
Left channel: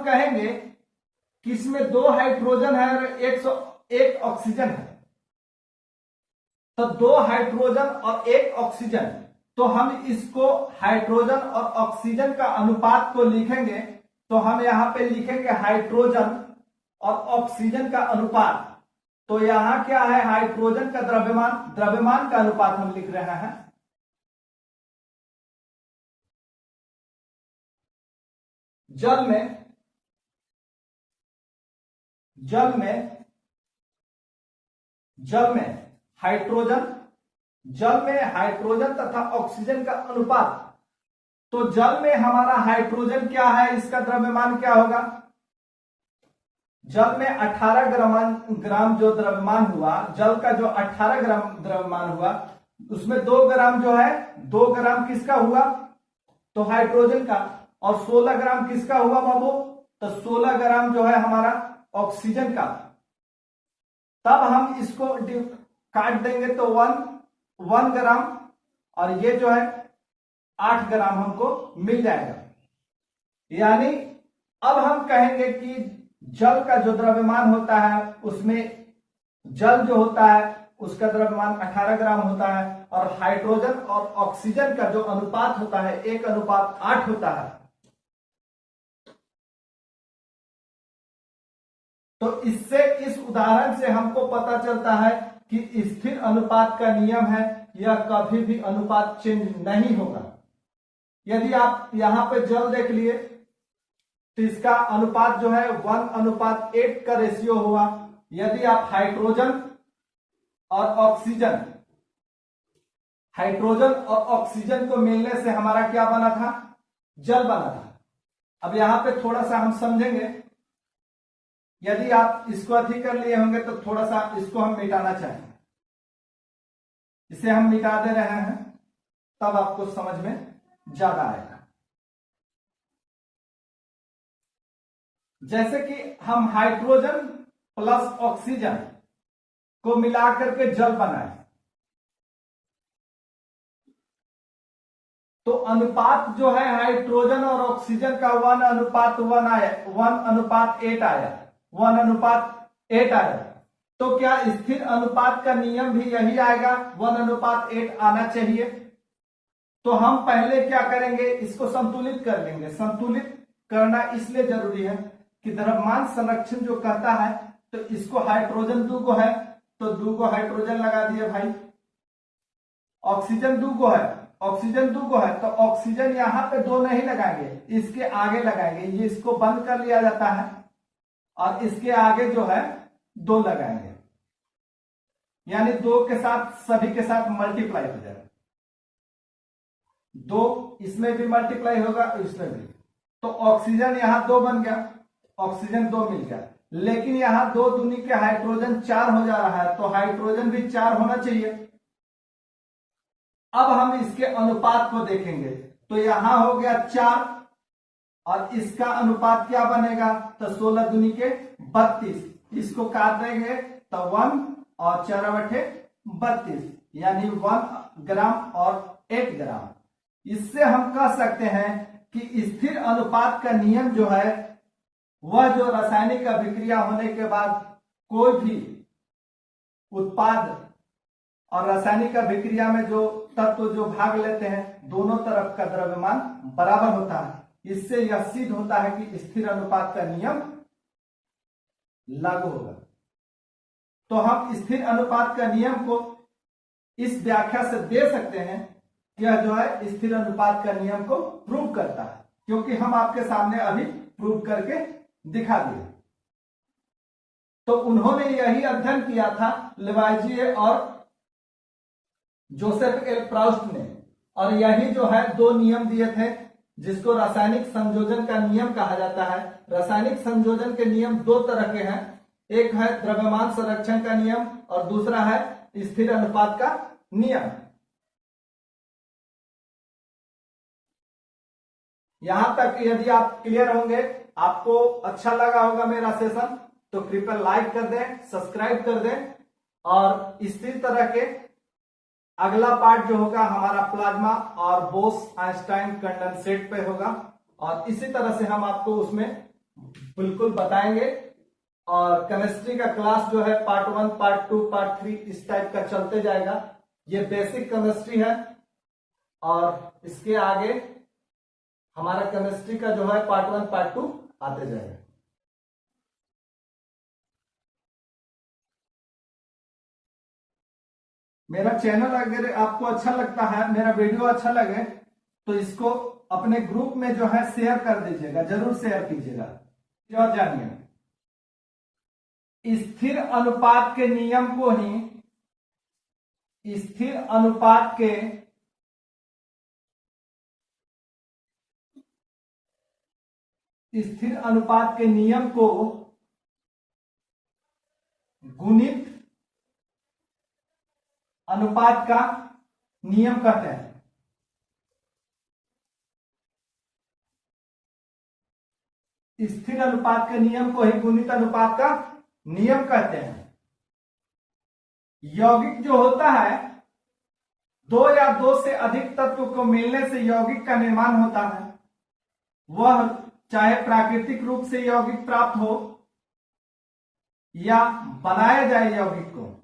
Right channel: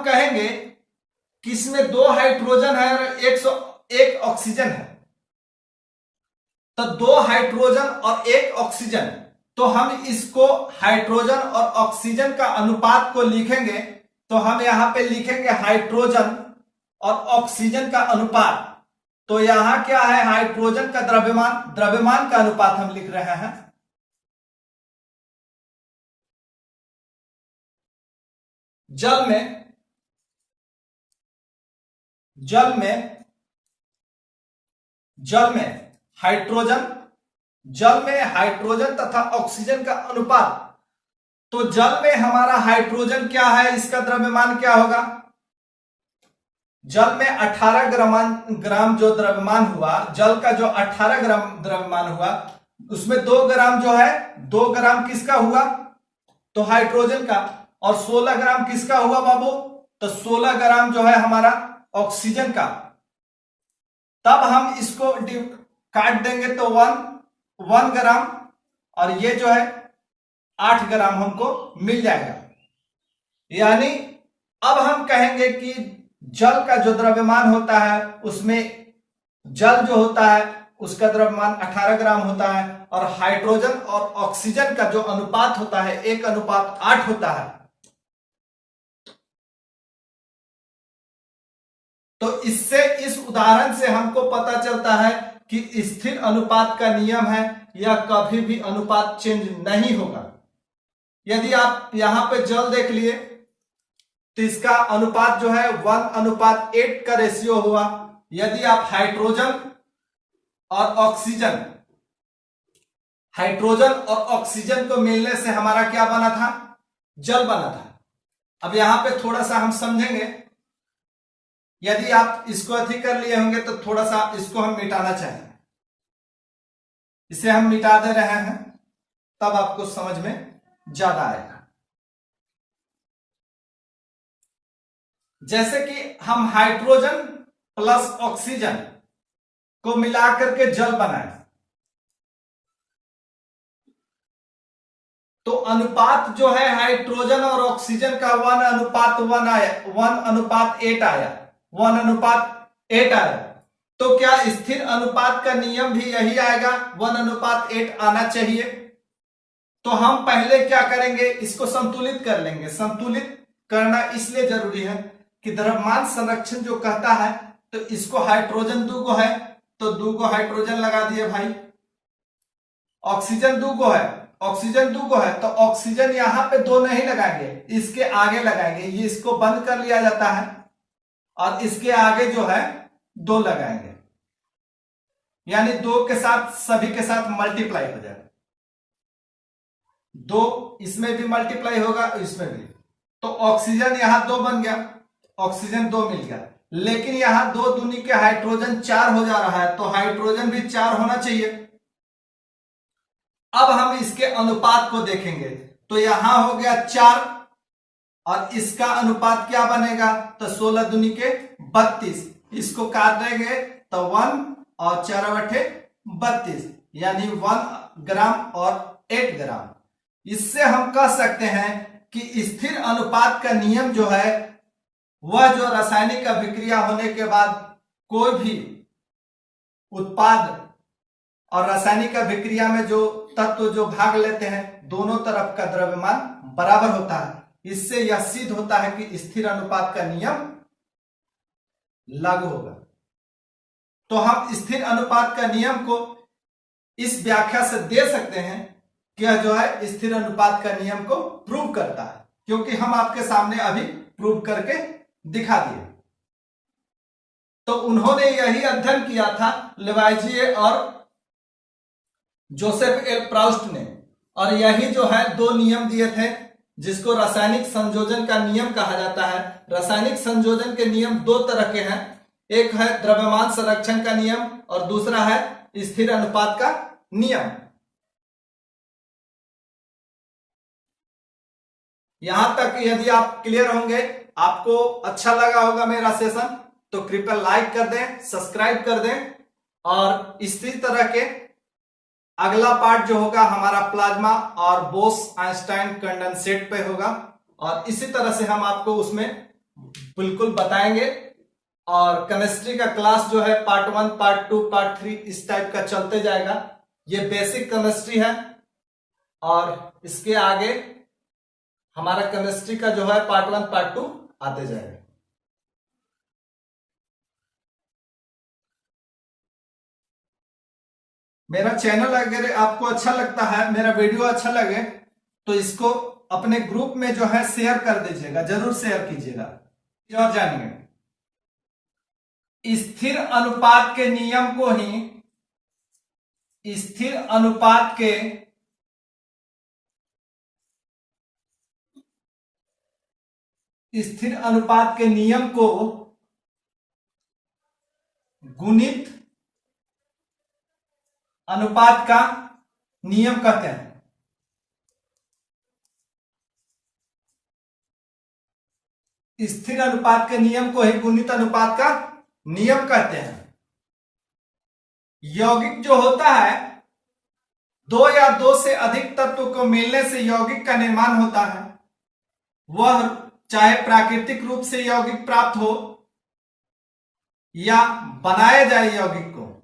कहेंगे कि इसमें 2 हाइड्रोजन है और 101 ऑक्सीजन है। तो 2 हाइड्रोजन और 1 ऑक्सीजन, तो हम इसको हाइड्रोजन और ऑक्सीजन का अनुपात को लिखेंगे तो हम यहां पे लिखेंगे हाइड्रोजन और ऑक्सीजन का अनुपात। तो यहां क्या है? हाइड्रोजन का द्रव्यमान का अनुपात हम लिख रहे हैं। जल में हाइड्रोजन तथा ऑक्सीजन का अनुपात। तो जल में हमारा हाइड्रोजन क्या है? इसका द्रव्यमान क्या होगा? जल में 18 ग्राम जो द्रव्यमान हुआ, जल का जो 18 ग्राम द्रव्यमान हुआ उसमें 2 ग्राम जो है, 2 ग्राम किसका हुआ? तो हाइड्रोजन का। और 16 ग्राम किसका हुआ बाबू? तो 16 ग्राम जो है हमारा ऑक्सीजन का। तब हम इसको काट देंगे तो 1 ग्राम और ये जो है 8 ग्राम हमको मिल जाएगा। यानी अब हम कहेंगे कि जल का जो द्रव्यमान होता है उसमें जल जो होता है उसका द्रव्यमान 18 ग्राम होता है और हाइड्रोजन और ऑक्सीजन का जो अनुपात होता है 1:8 होता है। तो इससे, इस उदाहरण से हमको पता चलता है कि स्थिर अनुपात का नियम है, यह कभी भी अनुपात चेंज नहीं होगा। यदि आप यहां पे जल देख लिए तो इसका अनुपात जो है 1:8 का रेशियो हुआ। यदि आप हाइड्रोजन और ऑक्सीजन को मिलने से हमारा क्या बना था? जल बना था। अब यहां पे थोड़ा सा हम समझेंगे। यदि आप इसको अधिक कर लिए होंगे तो थोड़ा सा इसको हम मिटाना चाहेंगे। इसे हम मिटा दे रहे हैं, तब आपको समझ में ज्यादा आएगा। जैसे कि हम हाइड्रोजन प्लस ऑक्सीजन को मिलाकर के जल बनाए तो अनुपात जो है हाइड्रोजन और ऑक्सीजन का 1:1 आया, 1:8 आया, 1:8 आया। तो क्या स्थिर अनुपात का नियम भी यही आएगा? 1:8 आना चाहिए। तो हम पहले क्या करेंगे? इसको संतुलित कर लेंगे। संतुलित करना इसलिए जरूरी है कि द्रव्यमान संरक्षण जो कहता है, तो इसको हाइड्रोजन 2 गो है तो 2 गो हाइड्रोजन लगा दिए भाई। ऑक्सीजन 2 गो है तो ऑक्सीजन यहां पे 2 नहीं लगाएंगे, इसके आगे लगाएंगे। ये इसको बंद कर लिया जाता है और इसके आगे जो है 2 लगाएंगे, यानी 2 के साथ सभी के साथ मल्टीप्लाई हो जाएगा। 2 इसमें भी मल्टीप्लाई होगा, इसमें भी। तो ऑक्सीजन यहां 2 बन गया, ऑक्सीजन 2 मिल गया। लेकिन यहां 2 दूनी के हाइड्रोजन 4 हो जा रहा है, तो हाइड्रोजन भी 4 होना चाहिए। अब हम इसके अनुपात को देखेंगे तो यहां हो गया 4 और इसका अनुपात क्या बनेगा, तो 16 दूनी के 32, इसको काट देंगे तो 1 और 4/32 यानी 1 ग्राम और 8 ग्राम। इससे हम कह सकते हैं कि स्थिर अनुपात का नियम जो है वह जो रासायनिक अभिक्रिया होने के बाद कोई भी उत्पाद और रासायनिक अभिक्रिया में जो तत्व जो भाग लेते हैं दोनों तरफ का द्रव्यमान बराबर होता है। इससे यह सिद्ध होता है कि स्थिर अनुपात का नियम लागू होगा। तो हम स्थिर अनुपात का नियम को इस व्याख्या से दे सकते हैं कि यह जो है स्थिर अनुपात का नियम को प्रूव करता है, क्योंकि हम आपके सामने अभी प्रूव करके दिखा दिए। तो उन्होंने यही अध्ययन किया था लेवाइजिए और जोसेफ एल प्राउस्ट ने, और यही जो है 2 नियम दिए थे जिसको रासायनिक संयोजन का नियम कहा जाता है। रासायनिक संयोजन के नियम 2 तरह के हैं, एक है द्रव्यमान संरक्षण का नियम और दूसरा है स्थिर अनुपात का नियम। यहां तक यदि आप क्लियर होंगे, आपको अच्छा लगा होगा मेरा सेशन, तो कृपया लाइक कर दें, सब्सक्राइब कर दें, और इसी तरह के अगला पार्ट जो होगा हमारा प्लाज्मा और बोस-आइंस्टाइन कंडेंसेट पे होगा, और इसी तरह से हम आपको उसमें बिल्कुल बताएंगे। और केमिस्ट्री का क्लास जो है पार्ट 1, पार्ट 2, पार्ट 3 इस टाइप का चलते जाएगा। ये बेसिक केमिस्ट्री है, और इसके आगे हमारा केमिस्ट्री का जो है पार्ट 1, पार्ट 2 आते जाएगा। मेरा चैनल अगर आपको अच्छा लगता है, मेरा वीडियो अच्छा लगे, तो इसको अपने ग्रुप में जो है शेयर कर दीजिएगा, जरूर शेयर कीजिएगा। और जानिए, स्थिर अनुपात के नियम को ही स्थिर अनुपात के नियम को गुणित अनुपात का नियम कहते हैं। स्थिर अनुपात के नियम को ही गुणित अनुपात का नियम कहते हैं। यौगिक जो होता है, 2 या 2 से अधिक तत्व को मिलने से यौगिक का निर्माण होता है। वह चाहे प्राकृतिक रूप से यौगिक प्राप्त हो या बनाया जाए यौगिक को,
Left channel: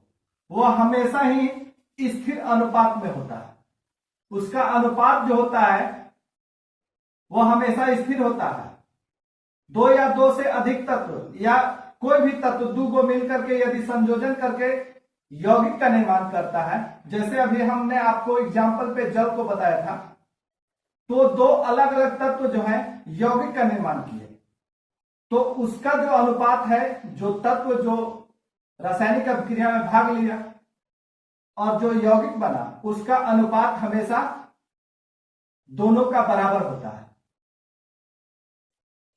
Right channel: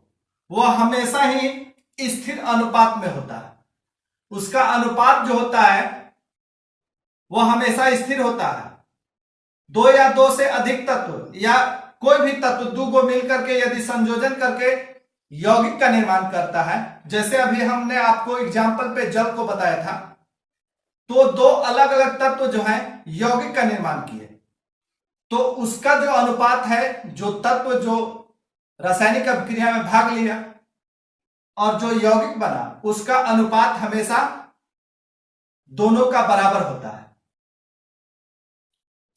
वह हमेशा ही स्थिर अनुपात में होता है। उसका अनुपात जो होता है वह हमेशा स्थिर होता है। 2 या 2 से अधिक तत्व या कोई भी तत्व 2 को मिलकर के यदि संयोजन करके यौगिक का निर्माण करता है, जैसे अभी हमने आपको एग्जाम्पल पे जल को बताया था, तो 2 अलग अलग तत्व जो है यौगिक का निर्माण किए, तो उसका जो अनुपात है, जो तत्व जो रासायनिक अभिक्रिया में भाग लिया और जो यौगिक बना, उसका अनुपात हमेशा दोनों का बराबर होता है।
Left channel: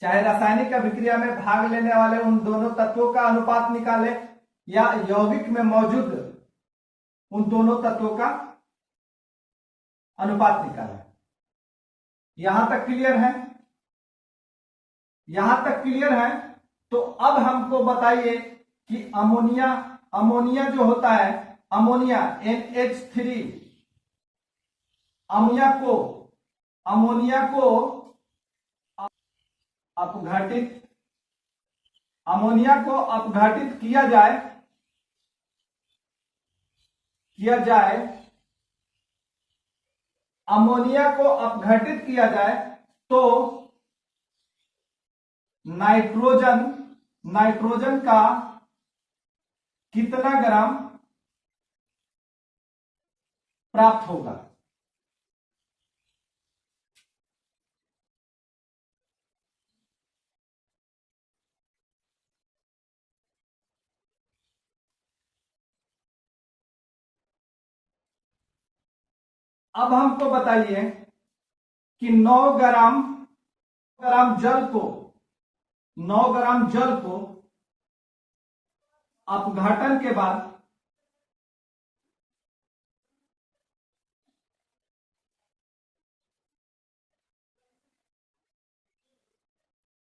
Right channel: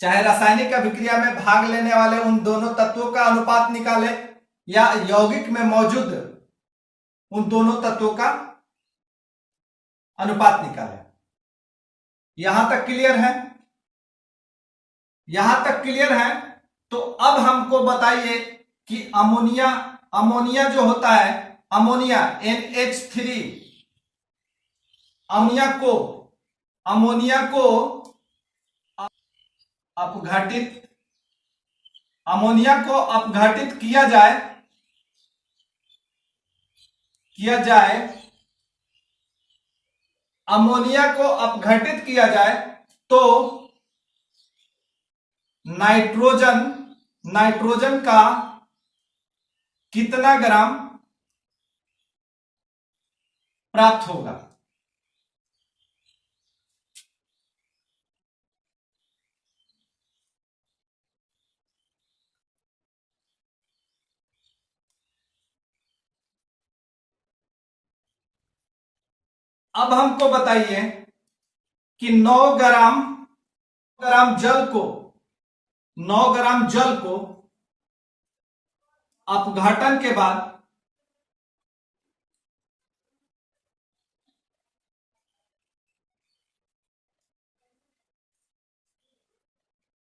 चाहे रासायनिक अभिक्रिया में भाग लेने वाले उन दोनों तत्वों का अनुपात निकाले या यौगिक में मौजूद उन दोनों तत्वों का अनुपात निकाले। यहां तक क्लियर है? यहां तक क्लियर है? तो अब हमको बताइए कि अमोनिया जो होता है, अमोनिया NH3, अमोनिया को अपघटित किया जाए, अमोनिया को अपघटित किया जाए तो नाइट्रोजन का कितना ग्राम प्राप्त होगा? अब हमको बताइए कि 9 ग्राम जल को अपघटन के बाद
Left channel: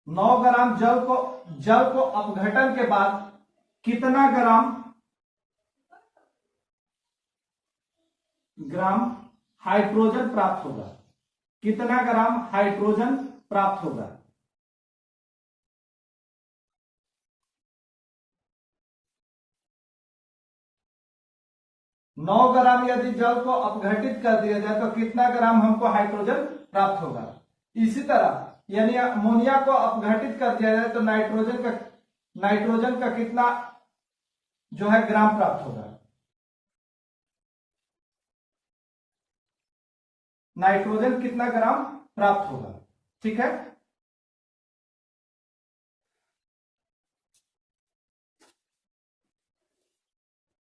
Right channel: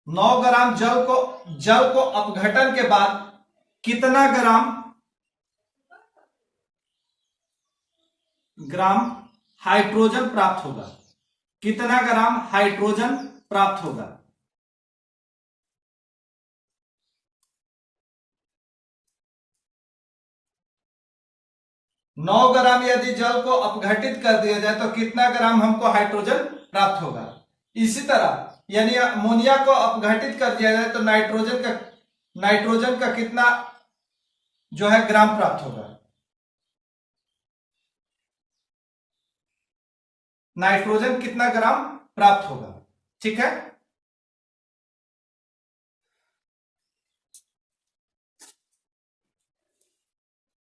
9 ग्राम जल को अपघटन के बाद कितना ग्राम हाइड्रोजन प्राप्त होगा, कितना ग्राम हाइड्रोजन प्राप्त होगा। नौ ग्राम यदि जल को अपघटित कर दिया जाए तो कितना ग्राम हमको हाइड्रोजन प्राप्त होगा। इसी तरह यानी अमोनिया को अपघटित कर दिया जाए तो नाइट्रोजन का कितना जो है ग्राम प्राप्त होगा। नाइट्रोजन कितना ग्राम प्राप्त होगा, ठीक है।